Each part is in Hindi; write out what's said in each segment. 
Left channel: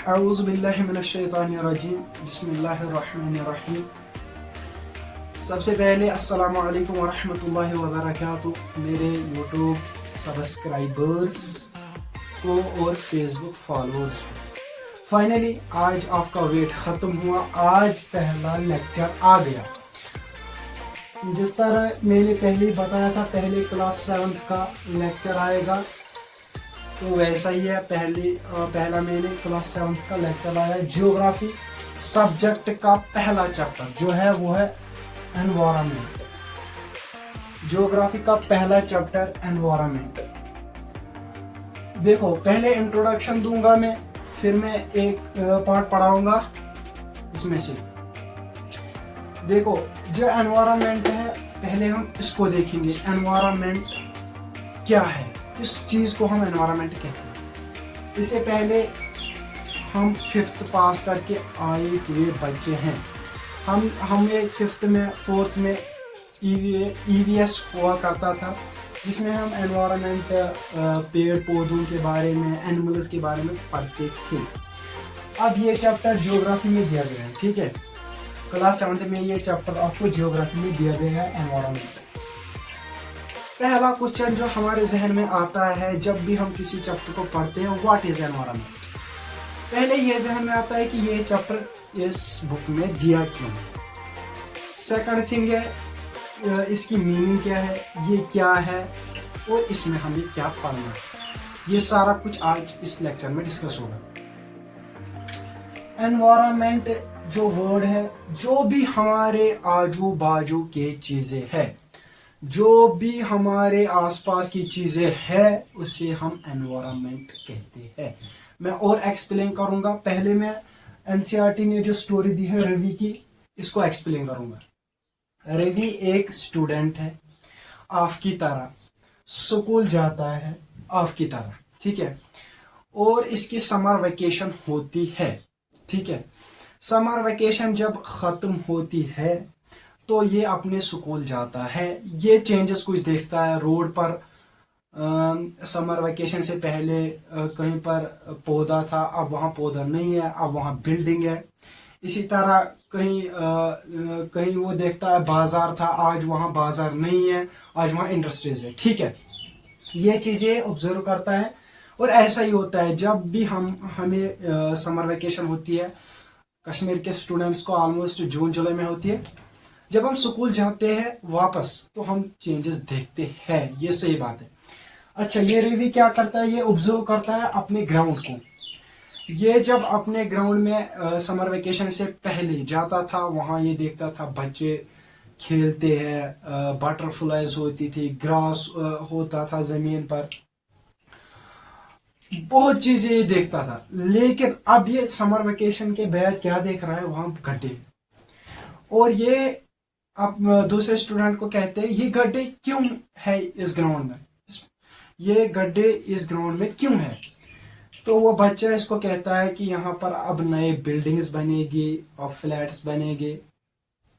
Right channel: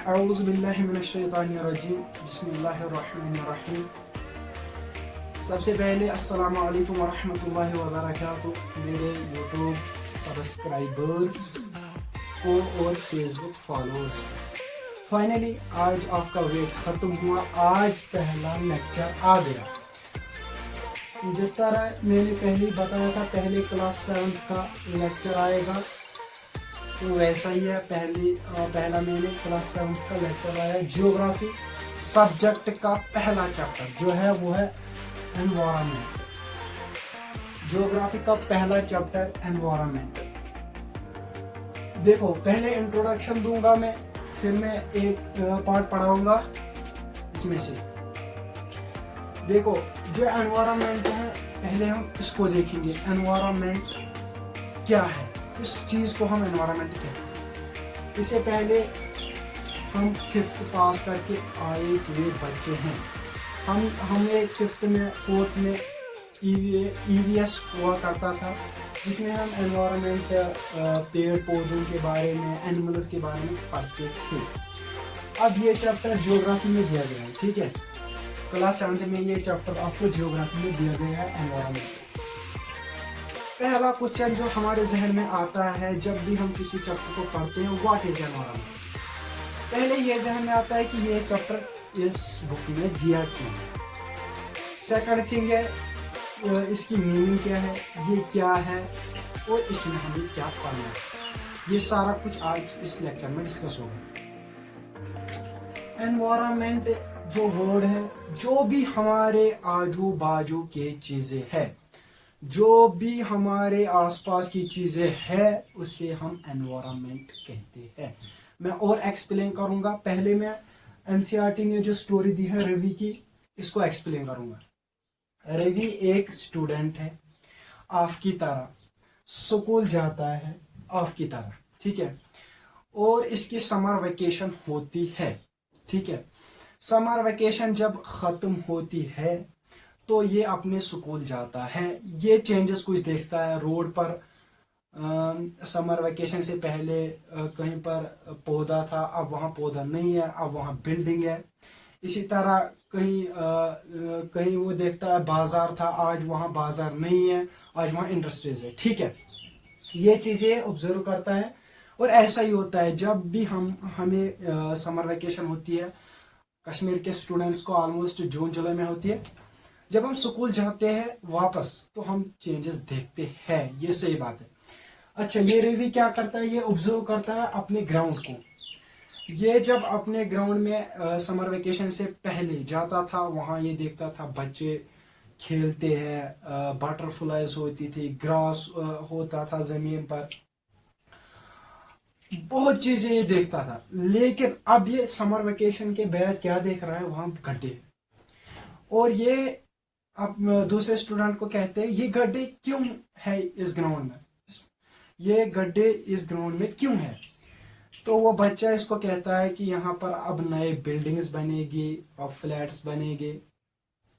औज़ु बिल्लाहि मिनश्शैतानिर्रजीम बिस्मिल्लाहिर्रहमानिर्रहीम। सबसे पहले अस्सलामु अलैकुम वरहमतुल्लाहि वबरकातुह मेरे यूट्यूब सब्सक्राइबर्स को और फेसबुक फॉलोअर्स को। फाइनली आज आपका वेट ख़त्म हुआ, आज पहला लेक्चर आ गया। जिस तरह मैंने पहले ही बताया था, पहले क्लास 7 का लेक्चर आएगा, तो वैसा ही है। पहला मैंने क्लास 7 का लेक्चर आया जियोग्राफी सब्जेक्ट का पहला चैप्टर जो है वो है एनवायरनमेंट। जियोग्राफी का पहला चैप्टर एनवायरनमेंट। देखो, पहले इंट्रोडक्शन दूंगा मैं, फिर मैं एक पार्ट पढ़ाऊंगा इसमें से। देखो, जो एनवायरनमेंट है पहले हम इसको देखेंगे। एनवायरनमेंट क्या है, किस चीज को हम एनवायरनमेंट कहते हैं। इससे पहले हम 5th पास करके आए हुए बच्चे हैं। हमने 5th में 4th में EVS हुआ करता था, जिसमें हम एनवायरनमेंट पेड़ पौधों के बारे में, एनिमल्स के बारे में पढ़ते थे। अब ये चैप्टर ज्योग्राफी में दिया गया है, ठीक है। क्लास 7 में ये चैप्टर आपको ज्योग्राफी में दिया गया है एनवायरनमेंट। पहला क्वेश्चन जो हमारे जहन में आता है जब भी हम किसी चैप्टर को पढ़ते हैं, व्हाट इज एनवायरनमेंट। पहले ये जहन में आता है कि ये चैप्टर इस बुक में दिया क्यों। सेकंड थिंग है इसकी मीनिंग क्या है, ये क्या है और इसमें हमें क्या पढ़ना है। ये सारा कुछ आज इस लेक्चर में डिस्कस होगा। एनवायरनमेंट जो वर्ड है, जो भी हमारे आजू बाजू के चीजें हैं, जो भी हमारे आसपास की चीजें हैं, उसे हम एनवायरनमेंट कहते हैं। मैं और एक्सप्लेन करूंगा। पहले मैं एनसीईआरटी ने जो स्टोरी दी है रवि की, इसको एक्सप्लेन करूंगा। रवि एक स्टूडेंट है, आपकी तरह स्कूल जाता है, आपकी तरह, ठीक है। और इसकी समर वेकेशन होती है, ठीक है। समर वेकेशन जब खत्म होती है तो ये अपने स्कूल जाता है। ये चेंजेस कुछ देखता है रोड पर। समर वेकेशन से पहले कहीं पर पौधा था, अब वहाँ पौधा नहीं है, अब वहाँ बिल्डिंग है। इसी तरह कहीं वो देखता है बाजार था, आज वहाँ बाजार नहीं है, आज वहाँ इंडस्ट्रीज है, ठीक है। ये चीजें ऑब्जर्व करता है। और ऐसा ही होता है जब भी हमें समर वेकेशन होती है। कश्मीर के स्टूडेंट्स को ऑलमोस्ट जून जुलाई में होती है। जब हम स्कूल जाते हैं वापस तो हम चेंजेस देखते हैं, ये सही बात है। अच्छा, ये रवि क्या करता है, ये ऑब्जर्व करता है अपने ग्राउंड को। ये जब अपने ग्राउंड में समर वेकेशन से पहले जाता था, वहाँ ये देखता था बच्चे खेलते हैं, बटरफ्लाइज होती थी, ग्रास होता था जमीन पर, बहुत चीजें ये देखता था। लेकिन अब ये समर वेकेशन के बाद क्या देख रहा है, वहाँ गड्ढे। और ये अब दूसरे स्टूडेंट को कहते हैं ये गड्ढे क्यों है इस ग्राउंड में, ये गड्ढे इस ग्राउंड में क्यों है। तो वो बच्चा इसको कहता है कि यहाँ पर अब नए बिल्डिंग्स बनेगी और फ्लैट्स बनेंगे,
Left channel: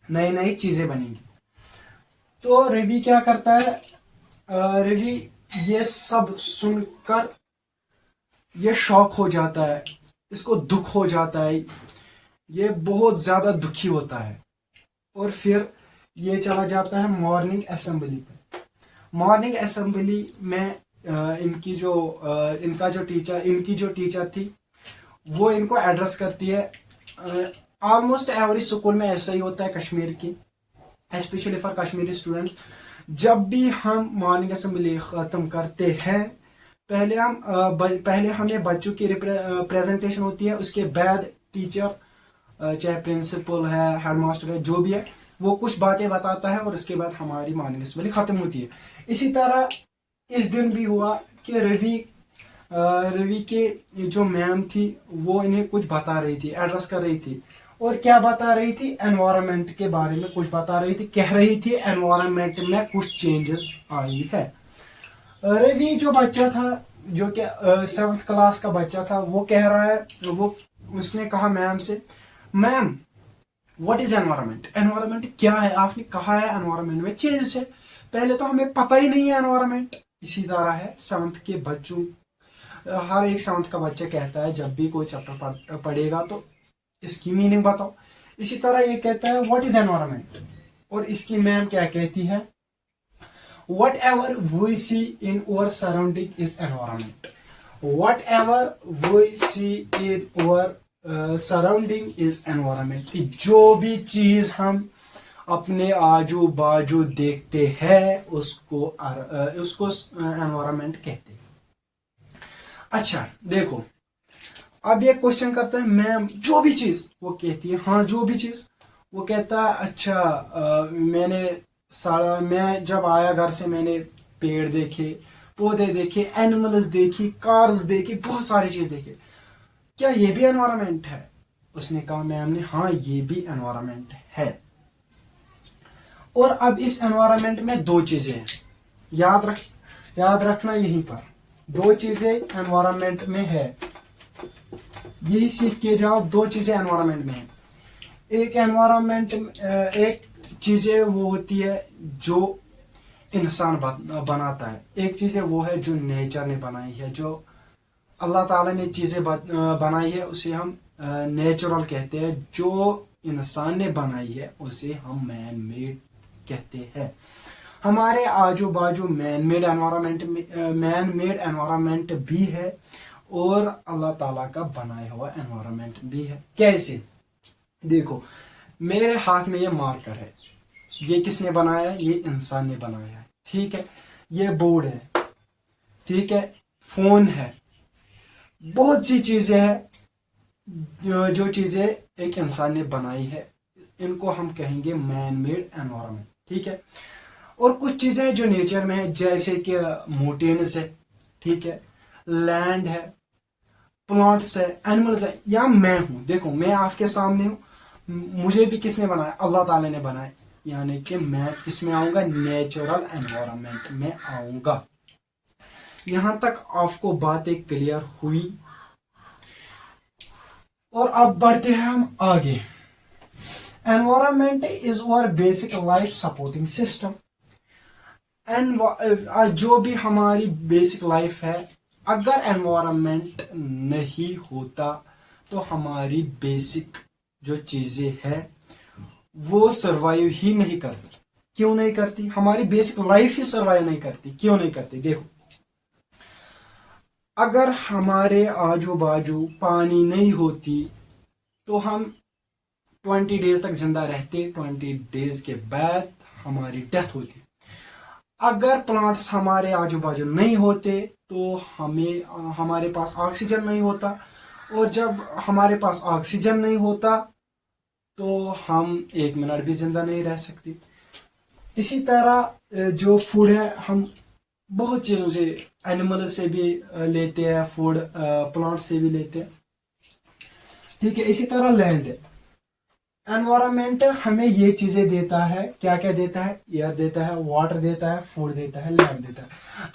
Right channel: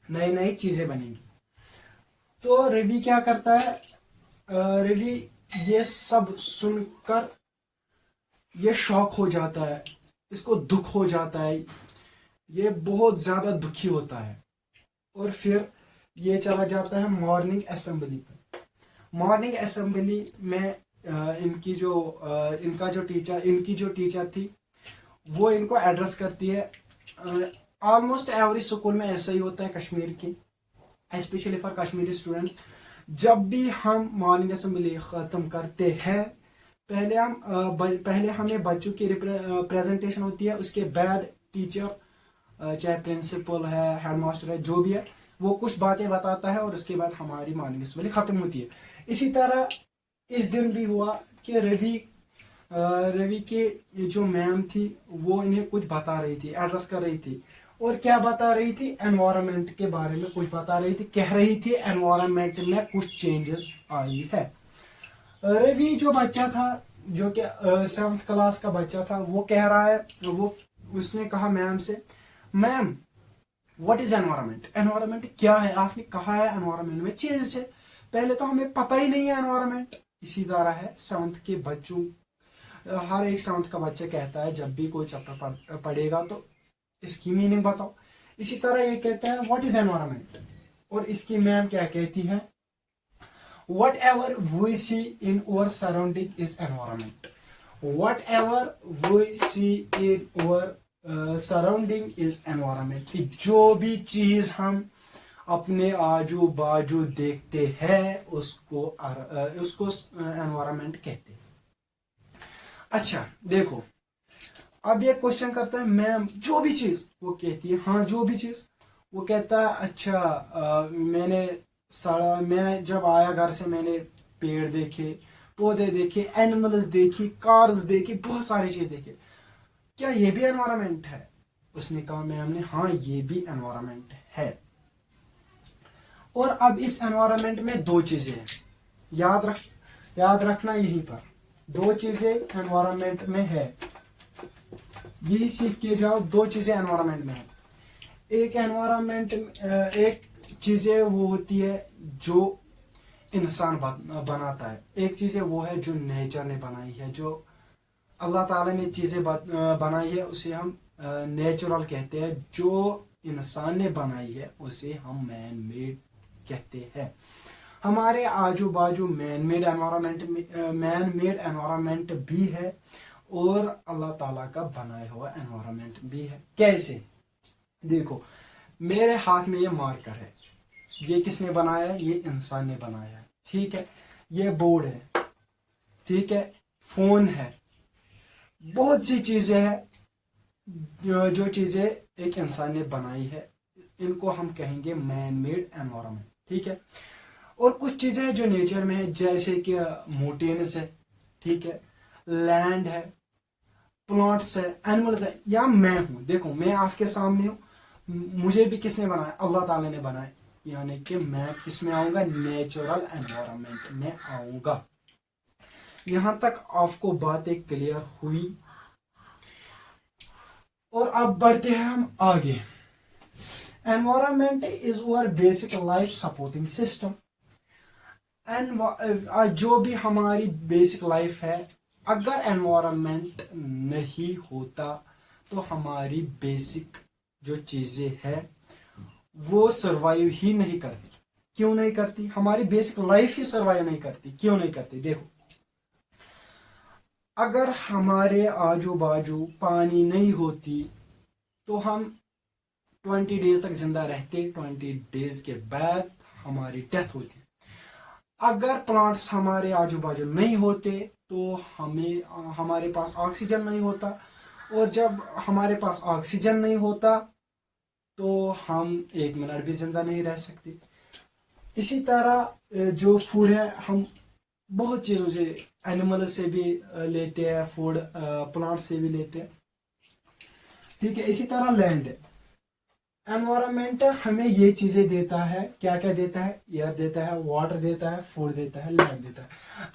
नई नई चीजें बनेंगी। तो रवि क्या करता है, रवि ये सब सुनकर ये शॉक हो जाता है, इसको दुख हो जाता है, ये बहुत ज्यादा दुखी होता है। और फिर ये चला जाता है मॉर्निंग असेंबली पर। मॉर्निंग असेंबली में इनकी जो टीचर थी वो इनको एड्रेस करती है। ऑलमोस्ट एवरी स्कूल में ऐसा ही होता है कश्मीर की, स्पेशली फॉर कश्मीरी स्टूडेंट्स। जब भी हम मॉर्निंग असेंबली ख़त्म करते हैं, पहले हमें बच्चों की प्रेजेंटेशन होती है, उसके बाद टीचर, चाहे प्रिंसिपल है, हेडमास्टर है, जो भी है, वो कुछ बातें बताता है और उसके बाद हमारी मॉर्निंग असेंबली खत्म होती है। इसी तरह इस दिन भी हुआ कि रवि के जो मैम थी वो इन्हें कुछ बता रही थी, एड्रेस कर रही थी। और क्या बता रही थी, एनवायरनमेंट के बारे में कुछ बता रही थी। कह रही थी एनवायरनमेंट में कुछ चेंजेस आई है। रवि जो बच्चा था, जो कि 7th क्लास का बच्चा था, वो कह रहा है, उसने कहा मैम से, ma'am what is environment, environment क्या है। आपने कहा है एनवायरनमेंट में चेंजेस है, पहले तो हमें पता ही नहीं है एनवायरनमेंट। इसी तरह है 7th के बच्चों हर एक 7th का बच्चा कहता है जब भी कोई चैप्टर पढ़ेगा तो इसकी मीनिंग बताओ। इसी तरह ये कहता है व्हाट इज एनवायरनमेंट, और इसकी मैम क्या कहती है, whatever we see in our surrounding is environment, whatever we see in our surrounding is environment। कि जो भी चीज हम अपने आजू बाजू देखते हैं उसको एनवायरनमेंट कहते हैं। अच्छा देखो, अब ये क्वेश्चन करता है मैम जो भी चीज, वो कहती है हाँ जो भी चीज। वो कहता है अच्छा मैं जब आया घर से मैंने पेड़ देखे, पौधे देखे, एनिमल्स देखी, कार्स देखी, बहुत सारी चीज देखे, क्या ये भी एनवायरनमेंट है? उसने कहा मैम ने हाँ ये भी एनवायरनमेंट है। और अब इस एनवायरनमेंट में दो चीजें हैं, याद रखना यहीं पर दो चीजें एनवायरनमेंट में है, यही सीख के जाओ। दो चीजें एनवायरनमेंट में है, एक चीजें वो होती है जो इंसान बनाता है, एक चीजें वो है जो नेचर ने बनाई है, जो अल्लाह ताला ने चीजें बनाई है उसे हम नेचुरल कहते हैं, जो इंसान ने बनाई है उसे हम मैन मेड कहते हैं। हमारे आजू बाजू मैन मेड एनवायरनमेंट भी है और अल्लाह ताला का बनाया हुआ एनवायरनमेंट भी है। कैसे? देखो मेरे हाथ में ये मार्कर है, ये किसने बनाया है? ये इंसान ने बनाया है, ठीक है। ये बोर्ड है, ठीक है, फोन है, बहुत सी चीजें हैं जो चीजें एक इंसान ने बनाई है, इनको हम कहेंगे मैन मेड एनवायरनमेंट, ठीक है। और कुछ चीजें जो नेचर में है जैसे कि माउंटेन्स है, ठीक है, लैंड है, प्लांट्स है, एनिमल्स है, या मैं हूं। देखो मैं आपके सामने हूं, मुझे भी किसने बनाया? अल्लाह ताला ने बनाया, यानी कि मैं किसमें आऊंगा? नेचुरल एनवायरनमेंट में आऊंगा। यहां तक आपको बातें क्लियर हुई? और अब बढ़ते हैं हम आगे। Environment is our basic life supporting system. जो भी हमारी बेसिक लाइफ है, अगर एनवायरनमेंट नहीं होता तो हमारी बेसिक जो चीजें हैं वो सरवाइव ही नहीं करती। क्यों नहीं करती? हमारी बेसिक लाइफ ही सरवाइव नहीं करती। क्यों नहीं करती? देखो अगर हमारे आजू बाजू पानी नहीं होती तो हम 20 डेज तक जिंदा रहते, 20 डेज के बाद हमारी डेथ होती। अगर प्लांट्स हमारे आजू बाजू नहीं होते तो हमारे पास ऑक्सीजन नहीं होता, और जब हमारे पास ऑक्सीजन नहीं होता तो हम 1 मिनट भी जिंदा नहीं रह सकते। इसी तरह जो फूड है हम बहुत चीजों से, एनिमल से भी लेते हैं फूड, प्लांट से भी लेते हैं, ठीक है। इसी तरह लैंड, एनवायरनमेंट हमें ये चीजें देता है, क्या क्या देता है? एयर देता है, वाटर देता है, फूड देता है, लैंड देता है।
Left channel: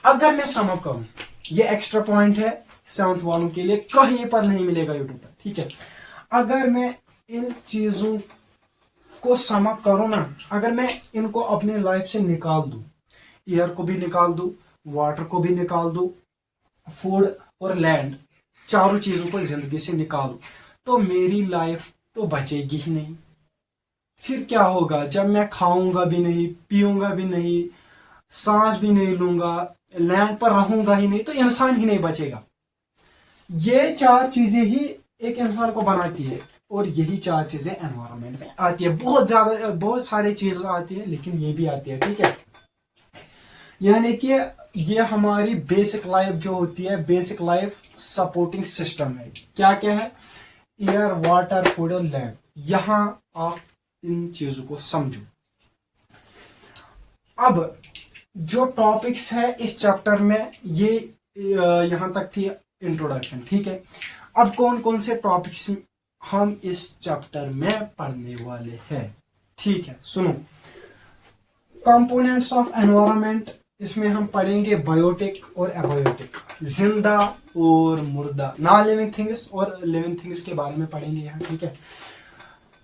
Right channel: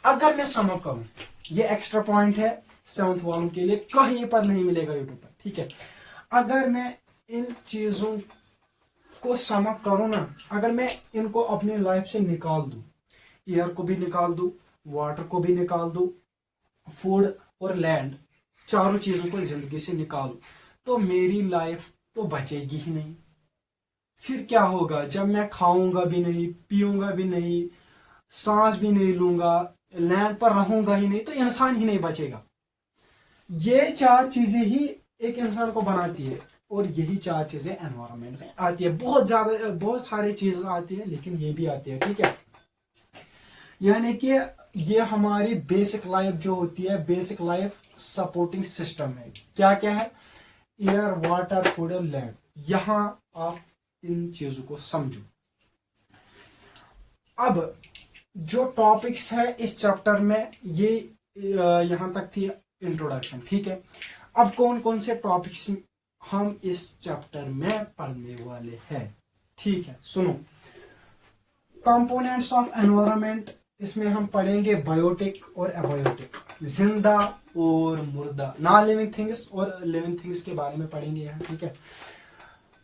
अगर मैं सम अप करूं, ये एक्स्ट्रा पॉइंट है 7th वालों के लिए, कहीं पर नहीं मिलेगा यूट्यूब पर, ठीक है। अगर मैं इन चीजों को सम अप करूं ना, अगर मैं इनको अपनी लाइफ से निकाल दूं, एयर को भी निकाल दूं, वाटर को भी निकाल दूं, फूड और लैंड, चारों चीजों को जिंदगी से निकाल दूं, तो मेरी लाइफ तो बचेगी ही नहीं। फिर क्या होगा? जब मैं खाऊंगा भी नहीं, पीऊंगा भी नहीं, सांस भी नहीं लूंगा, लैंड पर रहूंगा ही नहीं, तो इंसान ही नहीं बचेगा। ये 4 चीजें ही एक इंसान को बनाती है, और यही 4 चीजें एनवायरनमेंट में आती है। बहुत सारी चीजें आती है, लेकिन ये भी आती है, ठीक है। यानी कि ये हमारी बेसिक लाइफ जो होती है, बेसिक लाइफ सपोर्टिंग सिस्टम है। क्या क्या है? एयर, वाटर, फूड और लैंड। यहां आप इन चीजों को समझो। अब जो टॉपिक्स है इस चैप्टर में, ये यहां तक थी इंट्रोडक्शन, ठीक है। अब कौन कौन से टॉपिक्स हम इस चैप्टर में पढ़ने वाले हैं, ठीक है, सुनो। कंपोनेंट्स ऑफ एनवायरनमेंट, इसमें हम पढ़ेंगे बायोटिक और एबायोटिक, जिंदा और मुर्दा, नॉन लिविंग थिंग्स और लिविंग थिंग्स के बारे में पढ़ेंगे यहाँ, ठीक है।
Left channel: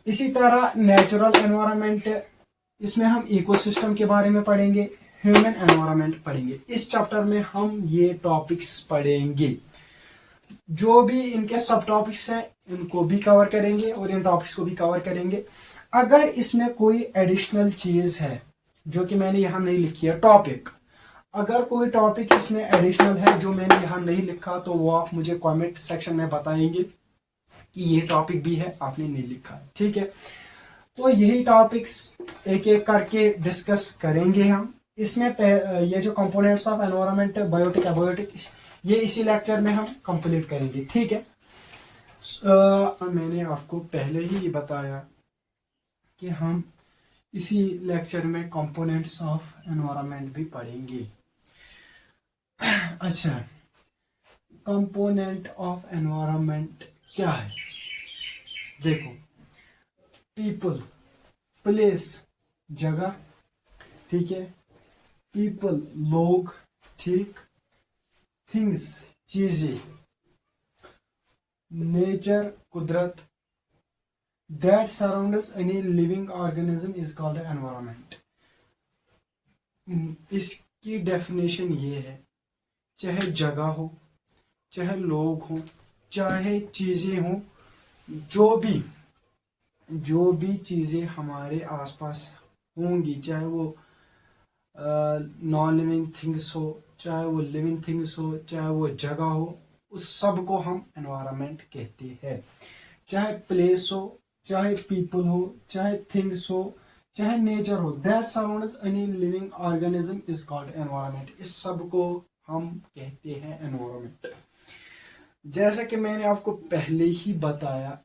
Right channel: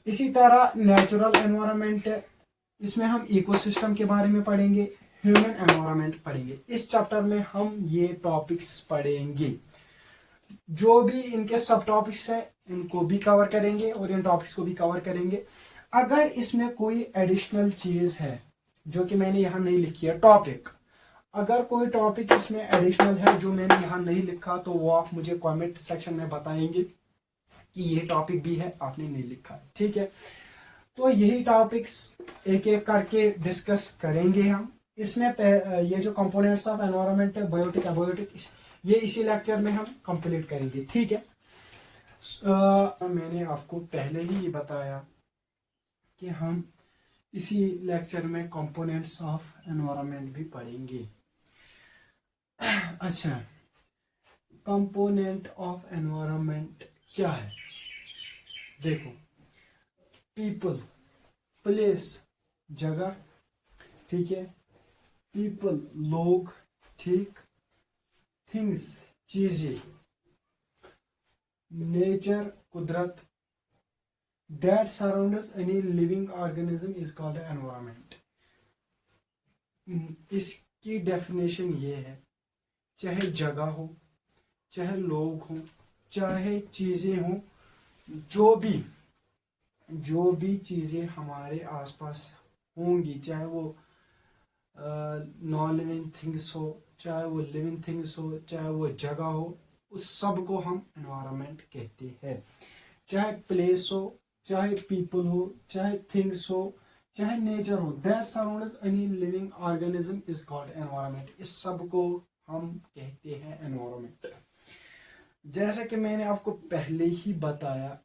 इसी तरह नेचुरल एनवायरनमेंट, इसमें हम इकोसिस्टम के बारे में पढ़ेंगे, ह्यूमन एनवायरनमेंट पढ़ेंगे। इस चैप्टर में हम ये टॉपिक्स पढ़ेंगे। जो भी इनके सब टॉपिक्स हैं इनको भी कवर करेंगे और इन टॉपिक्स को भी कवर करेंगे। अगर इसमें कोई एडिशनल चीज है जो कि मैंने यहाँ नहीं लिखी है टॉपिक, अगर कोई टॉपिक इसमें एडिशनल है जो मैंने यहाँ नहीं लिखा तो वो आप मुझे कमेंट सेक्शन में बताएंगे कि ये टॉपिक भी है आपने नहीं लिखा, ठीक है। तो यही टॉपिक्स एक एक करके डिस्कस करेंगे हम। इसमें ये जो components of environment, biotic, abiotic, ये इसी लेक्चर में हम कंप्लीट करेंगे, ठीक है। मैंने आपको पहले ही बताया कि हम इसी लेक्चर में कंपोनेंट्स ऑफ एनवायरनमेंट भी पढ़ेंगे। अच्छा, कंपोनेंट ऑफ एनवायरनमेंट क्या है? देखो, पीपल, प्लेस जगह, ठीक है, पीपल लोग, ठीक, थिंग्स चीजें, नेचर कुदरत, that surrounds any living organism is called environment. इसकी डेफिनेशन ये है, चाहे जगह हो, चाहे लोग हो, चाहे चीजें हो, जो भी चीजें हमारे आसपास होंगी, चाहे वो नॉन लिविंग थिंग्स हो, चाहे वो लिविंग थिंग्स हो, चाहे वो जगह हो, उस सब को हम एनवायरनमेंट कहते हैं। चाहे प्लेस हो, चाहे पीपल हो, चाहे थिंग्स हो, चाहे नेचर हो, that surrounds any living organism is called environment. इस सब को हम कहते हैं एनवायरनमेंट। जैसे कि मैंने आपको पहले ही बताया,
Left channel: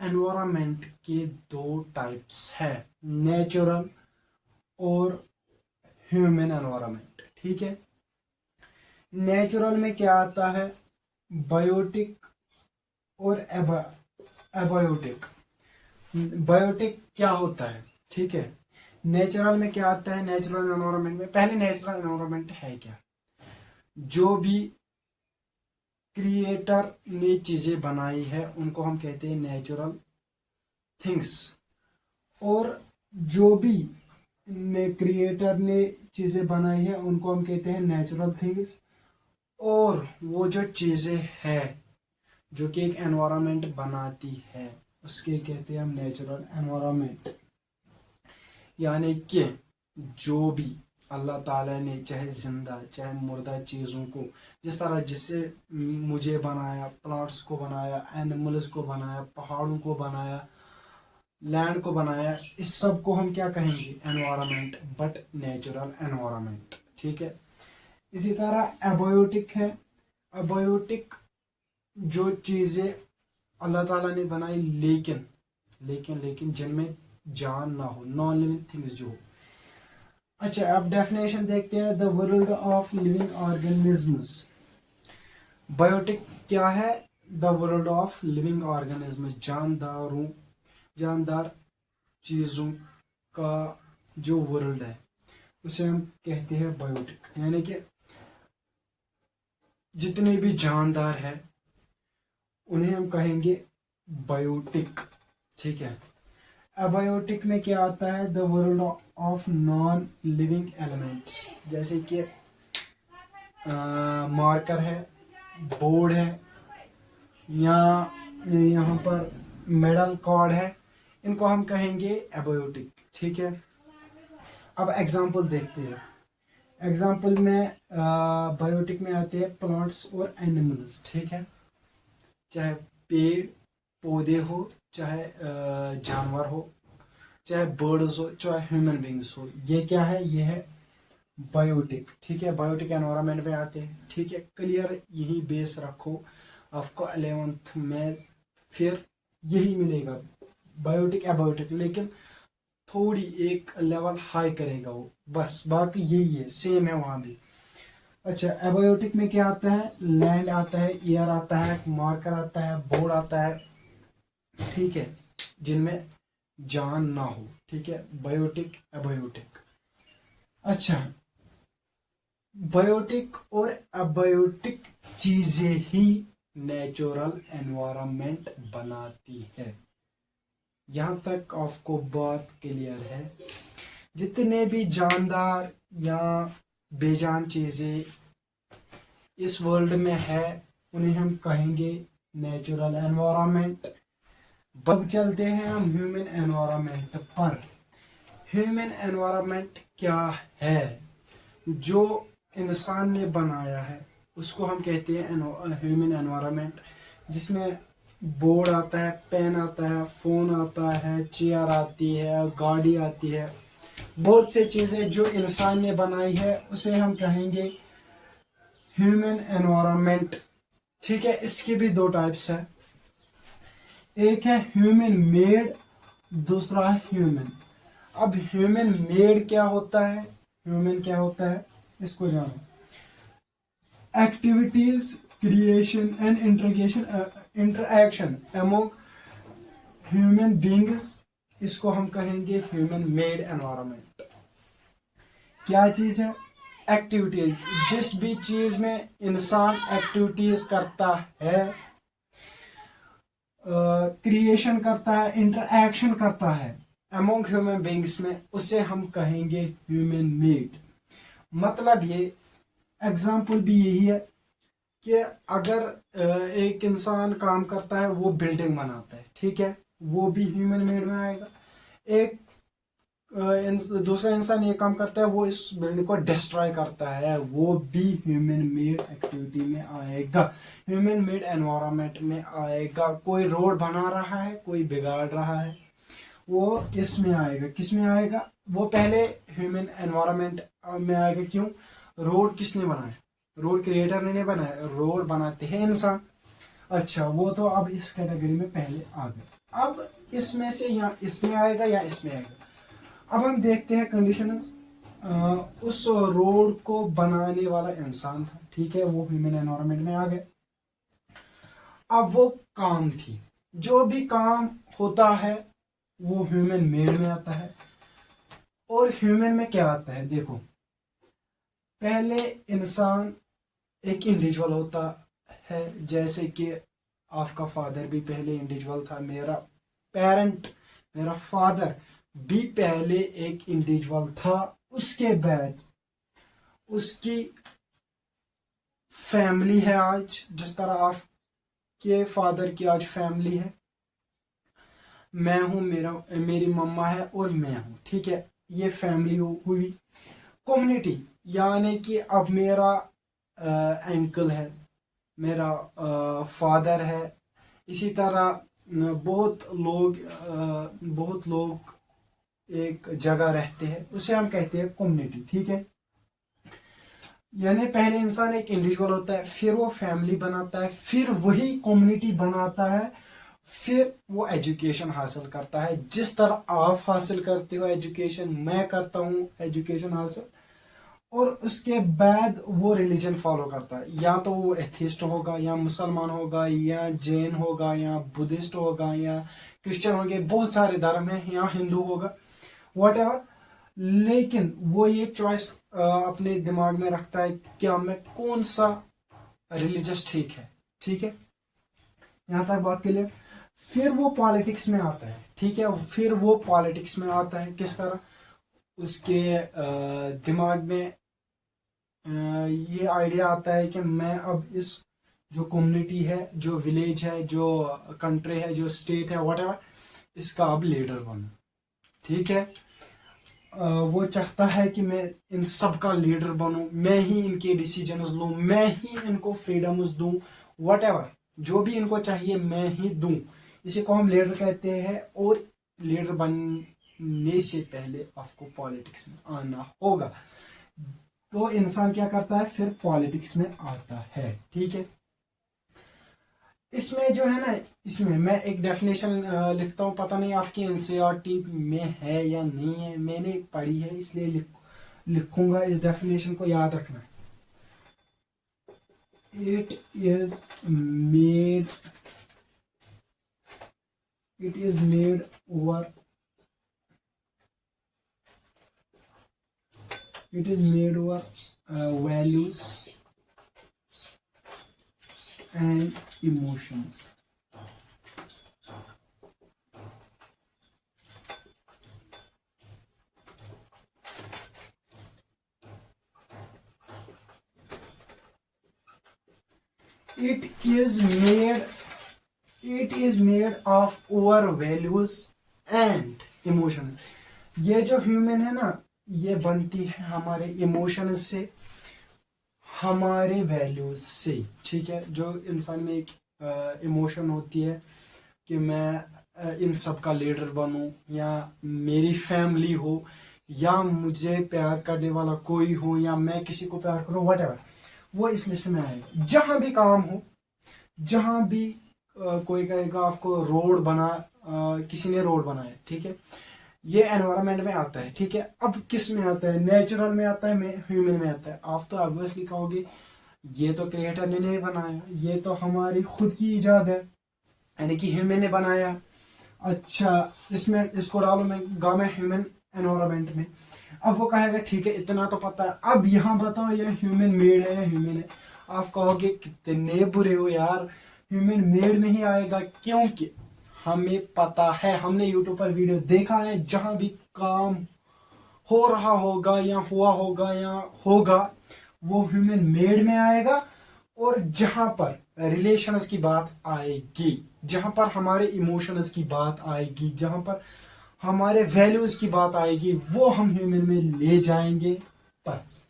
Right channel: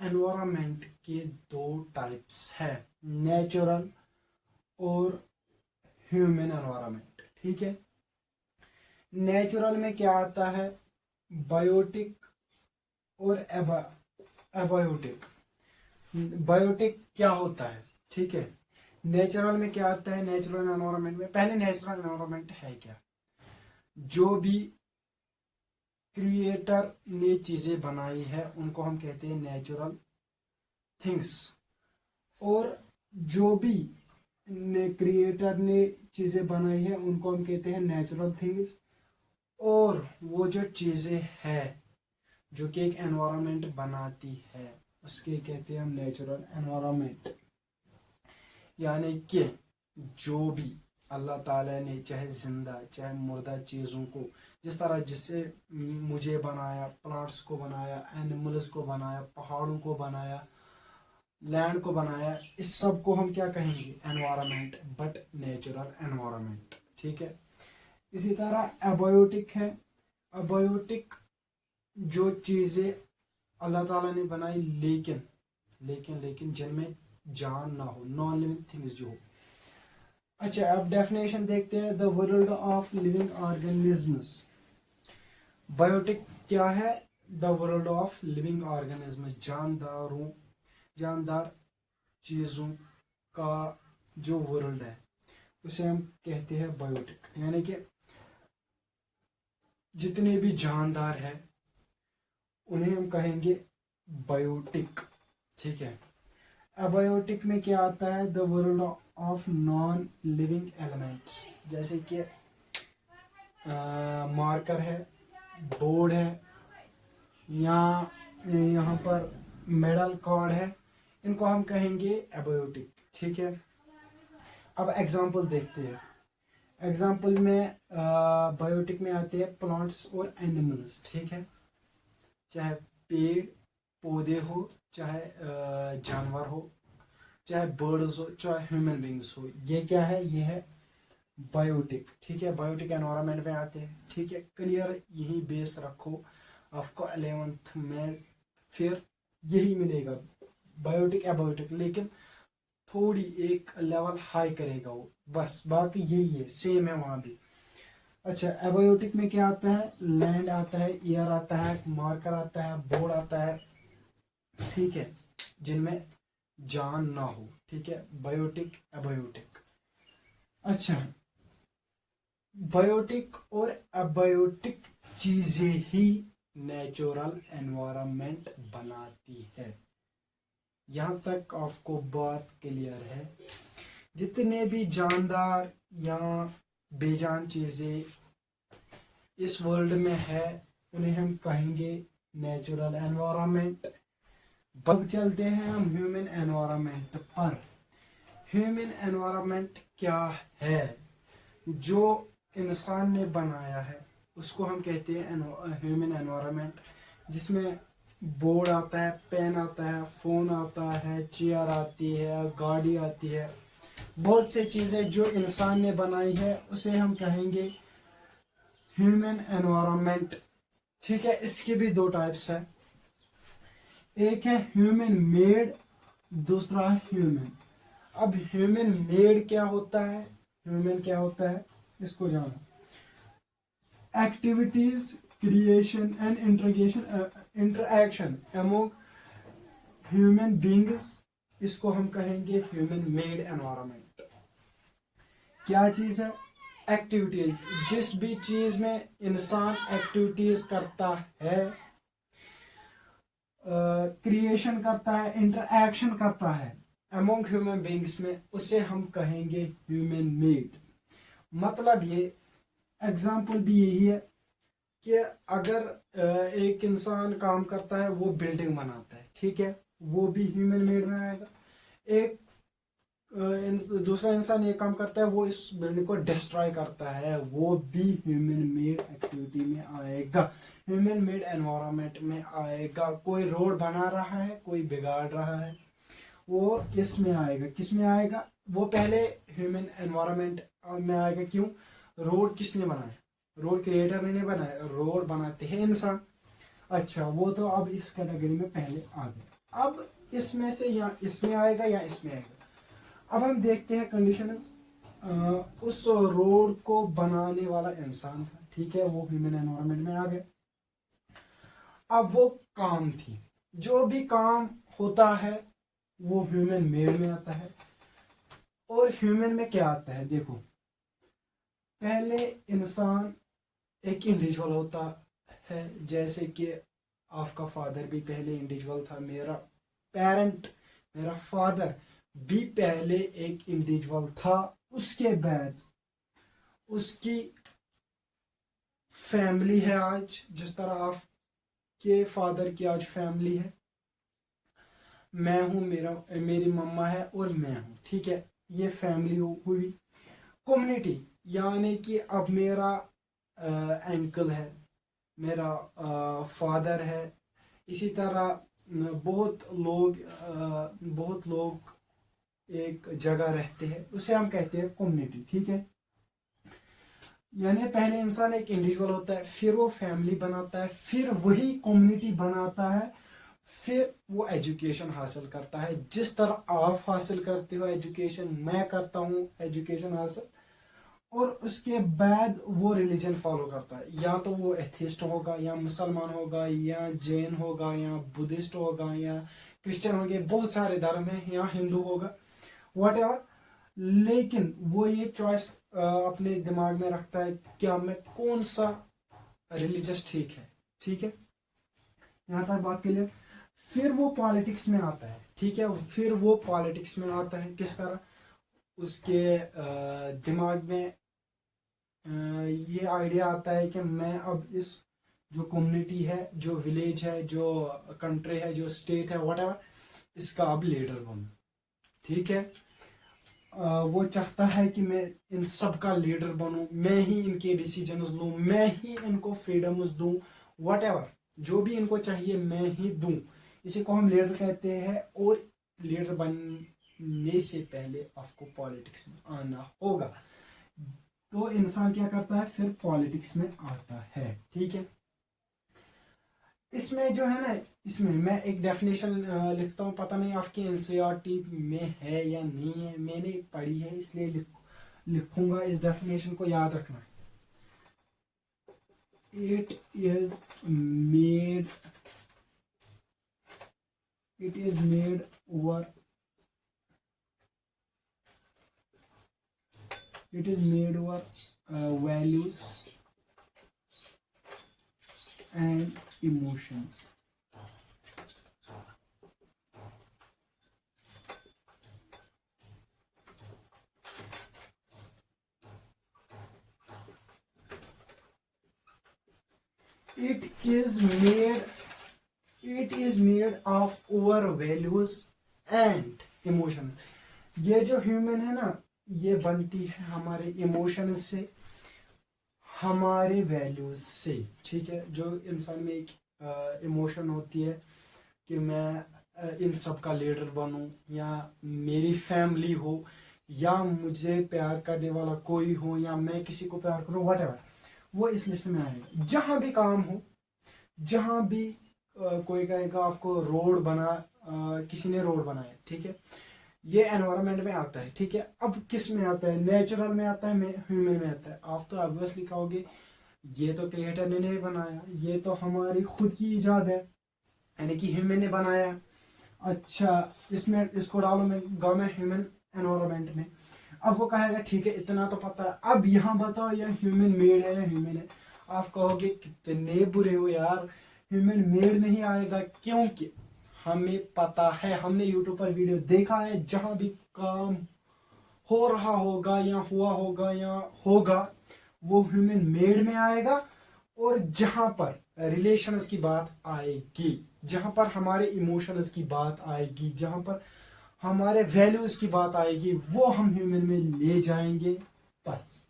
एनवायरनमेंट के दो टाइप्स है, नेचुरल और ह्यूमन एनवायरनमेंट, ठीक है। नेचुरल में क्या आता है? बायोटिक और एबायोटिक। बायोटिक क्या होता है, ठीक है। नेचुरल में क्या आता है? नेचुरल एनवायरनमेंट में, पहले नेचुरल एनवायरनमेंट है क्या? जो भी क्रिएटर ने चीजें बनाई है उनको हम कहते हैं नेचुरल थिंग्स, और जो भी क्रिएटर ने चीजें बनाई है उनको हम कहते हैं नेचुरल थिंग्स। और वो जो चीजें है जो कि एक एनवायरनमेंट बनाती है उसके कहते हैं हम नेचुरल एनवायरनमेंट। यानी कि जो भी अल्लाह ताला ने चाहे जिंदा चाहे मुर्दा चीज़ों को, जिस तरह जिससे मुझे बनाया, प्लांट्स को बनाया, एनिमल्स को बनाया, पहाड़ों को बनाया, लैंड को बनाया, इस सब को हम क्या कहेंगे? एनवायरनमेंट, बट नेचुरल एनवायरनमेंट, ठीक है। इसी तरह एबायोटिक है। एबायोटिक जो चीज़ें अल्लाह ताला ने बनाई लेकिन लेकिन लेकिन जिनमें जान ना हो, नॉन लिविंग थिंग्स जो हो। अच्छा, अब डेफिनेशन देखते हैं, the world of living organisms. Biotic क्या है? The world of living organisms, जानदार चीज़ों का जो वर्ल्ड है उसे हम कहते हैं बायोटिक। यानी कि जितने भी जानदार है उन्हें हम कहेंगे बायोटिक, ठीक है। अबायोटिक में क्या आता है? The world of non living elements, जैसे कि मार्कर है, बोर्ड है, या यहाँ पर मेडल कार्ड है, इनको हम कहेंगे एबायोटिक, ठीक है। अब एग्जांपल देखते हैं। एग्जांपल में बायोटिक में आते हैं प्लांट्स और एनिमल्स, ठीक है। चाहे पेड़ पौधे हो, चाहे जानवर हो, चाहे बर्ड्स हो, चाहे ह्यूमन बींग्स हो, ये क्या है? ये है बायोटिक, ठीक है। बायोटिक एनवायरनमेंट में आते हैं, ठीक है। क्लियर, यही बेस रखो, आपको 11th में फिर यही मिलेगा, बायोटिक एबायोटिक, लेकिन थोड़ी एक लेवल हाई करेगा वो, बस बाकी यही है, सेम है वहां भी। अच्छा, एबायोटिक में क्या आता है? लैंड आता है, एयर आता है, मार्कर आता है, बोर्ड आता है, ठीक है, जिनमें जान ना हो, ठीक है। Biotic abiotic. अच्छा, बायोटिक और एबायोटिक चीजें ही नेचुरल एनवायरनमेंट बनाती है। यहां तक आपको बात क्लियर है? जितने भी जानदार या बेजान चीजें इस वर्ल्ड में है उन्हें हम कहेंगे नेचुरल एनवायरनमेंट। अब चलते हैं हम ह्यूमन एनवायरनमेंट पर। ह्यूमन एनवायरनमेंट क्या है? जो इंसान ने बनाया है उसको हम कहते हैं ह्यूमन एनवायरनमेंट, जिसमें बोर्ड आता है, पेन आता है, फ़ोन आता है, चेयर आती है, गाड़ी आती है, बहुत से चीज़ें जो इंसान ने बनाई है उसे हम कहेंगे ह्यूमन एनवायरनमेंट। ठीक है, इसकी भी दो टाइप्स है, एक है ह्यूमन मेड, दूसरा है ह्यूमन। अब ह्यूमन मेड क्या होता है, ह्यूमन क्या होता है इसको जानो। Activities, creation and interaction among human beings, इसको हम कहेंगे ह्यूमन मेड एनवायरनमेंट। क्या चीज है? एक्टिविटीज। जिस भी चीज में इंसान एक्टिविटीज करता है, क्रिएशन करता है, इंटरएक्शन करता है अमोंग ह्यूमन बींग्स में, उसे हम कहेंगे ह्यूमन मेड। मतलब ये एग्जाम्पल भी यही है कि अगर एक इंसान काम करता है, वो बिल्डिंग बनाता है, ठीक है, वो भी ह्यूमन मेड में आएगा। एक दूसरा इंसान ये काम करता है, वो इस बिल्डिंग को डिस्ट्रॉय करता है, वो भी ह्यूमन मेड एक्टिविटी में आएगा, ह्यूमन मेड एनवायरनमेंट में आएगा। कोई रोड बना रहा है, कोई बिगाड़ रहा है, वो किस में आएगा, किस में आएगा? वो पहले ह्यूमन एनवायरनमेंट में आएगा। क्यों? रोड किसने बनाया? रोड क्रिएटर ने नहीं बनाया, रोड बनाते हैं इंसान। अच्छा, वो तो अब इस कैटेगरी में पहले आ गए। अब इसमें से या इसमें आएगा या इसमें आएगा। अब हम देखते हैं कंडीशंस। उस रोड को बनाने वाला इंसान था, ठीक है, वो ह्यूमन एनवायरनमेंट में आ गया। अब वो काम थी, जो भी काम होता है वो ह्यूमन मेड में आता है। और ह्यूमन में क्या आता है, देखो, पहले इंसान एक इंडिविजुअल होता है, जैसे कि आपका फादर भी पहले इंडिविजुअल था, मेरा पेरेंट, मेरा फादर भी पहले एक इंडिविजुअल था। उसके बाद उसकी फैमिली है आज, जिस तरह आपके फादर की आज फैमिली है, मैं हूं, मेरी मम्मा है और मैं हूं, ठीक है, ये फैमिली हुई। कम्युनिटी, यानी कि अब मेरा अंकल है, मेरा फादर है, इसी तरह बहुत लोग एक जगह रहते हैं, उसे हम कहते हैं कम्युनिटी, ठीक है। यानी पहले इंसान एक इंडिविजुअल होता है, फिर वो फैमिली बनाता है, फिर वही कम्युनिटी बनाता है, फिर वो एजुकेशन हासिल करता है। जिस तरह आप हासिल करते हो एजुकेशन, मैं करता हूँ एजुकेशन हासिल, और उसके बाद वो रिलीजन फॉलो करता है, या तो वो एथिस्ट होगा, या मुसलमान होगा, या जैन होगा, या बुद्धिस्ट होगा, या क्रिश्चियन होंगे, बहुत सारे धर्म हैं, या हिंदू होगा, वट। लेकिन वो ये चॉइस अपने दिमाग में रखता है क्या मैं कौन सा रिलीजियस ठीक है, ठीक है, यहाँ तक बात के लिए। फिर वो पॉलिटिक्स में आता है, ठीक है, फिर वो पॉलिटिक्स में आता है। किस तरह? उसके दिमाग में ये आइडिया आता है कि मैं अब इस जो कम्युनिटी है, जो विलेज है, जो कंट्री है, जो स्टेट है, वट, इसका अब लीडर बनूं, ठीक है। वो चाहता है कि मैं इन सब का लीडर बनूं, मैं ही इनके डिसीजंस लूं, मैं ही इनको फ्रीडम्स दूं, वट जो भी इनको चाहिए मैं ही दूं। इसी को हम लीडर कहते हैं। और लीडर बनने से पहले आपको पॉलिटिक्स में आना होगा। तो इंसान क्या करता है, फिर पॉलिटिक्स में आता है, ठीक है। इसमें जो है ना, इसमें मैं एक डेफिनेशन लिखता हूँ, पता नहीं आपकी एनसीईआरटी में है या नहीं है, मैंने पढ़ी है इसलिए लिखूंगा, इस डेफिनेशन को याद रखना। It is made over values and emotions. It is made of our values and emotion. ये जो ह्यूमन है ना, ये बनती है हमारे इमोशंस से, हमारे वैल्यूज से। ठीक है, जो इंसान में एक इमोशन होती है कि मैं इन सब का लीडर बनूं, या मेरी फैमिली हो, या मुझे प्यार करने वाला कोई हो, या मैं किसी को प्यार करूं, वट एवर, वो इस लिस्ट में आएगा। जहां भी काम हो, जहां भी कोई कहेगा आपको रोड बना, किसी ने रोड बनाया, ठीक है, ये एनवायरनमेंट में आता है। ठीक है, अब किस में आता है? नेचुरल में आता है, ह्यूमन में आता है। आप तो ऑब्वियसली कहोगे ये तो क्रिएटर ने नहीं बनाया, ये तो हमारी खुद की इजाद है, यानी कि ह्यूमन ने बनाया। अच्छा, इसमें इसको डालो मैं गवर्नमेंट ह्यूमन एनवायरनमेंट में। अब वो कहेगा ठीक है, इतना तो पता है, अब यहाँ बताओ ये ह्यूमन मेड है या ह्यूमन है। आप कहोगे कितने बुरे हो यार, ह्यूमन मेड नहीं आएगा, क्योंकि हमें पता है, हमने यूट्यूब पर वीडियो देखा है, जहां भी काम हो रहा होगा या हुआ होगा या होगा, वो ह्यूमन मेड में आएगा। और जहां पर रिलेशंस की बात आएगी, जहां पर हमारे इमोशंस की बात आएगी, जहां पर हमारे वैल्यूज की बात आएगी, वो हम ह्यूमन में ले जाएंगे बस।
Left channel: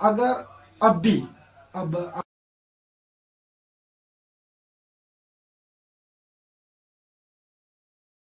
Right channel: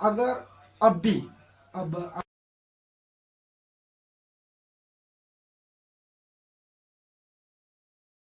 अगर अब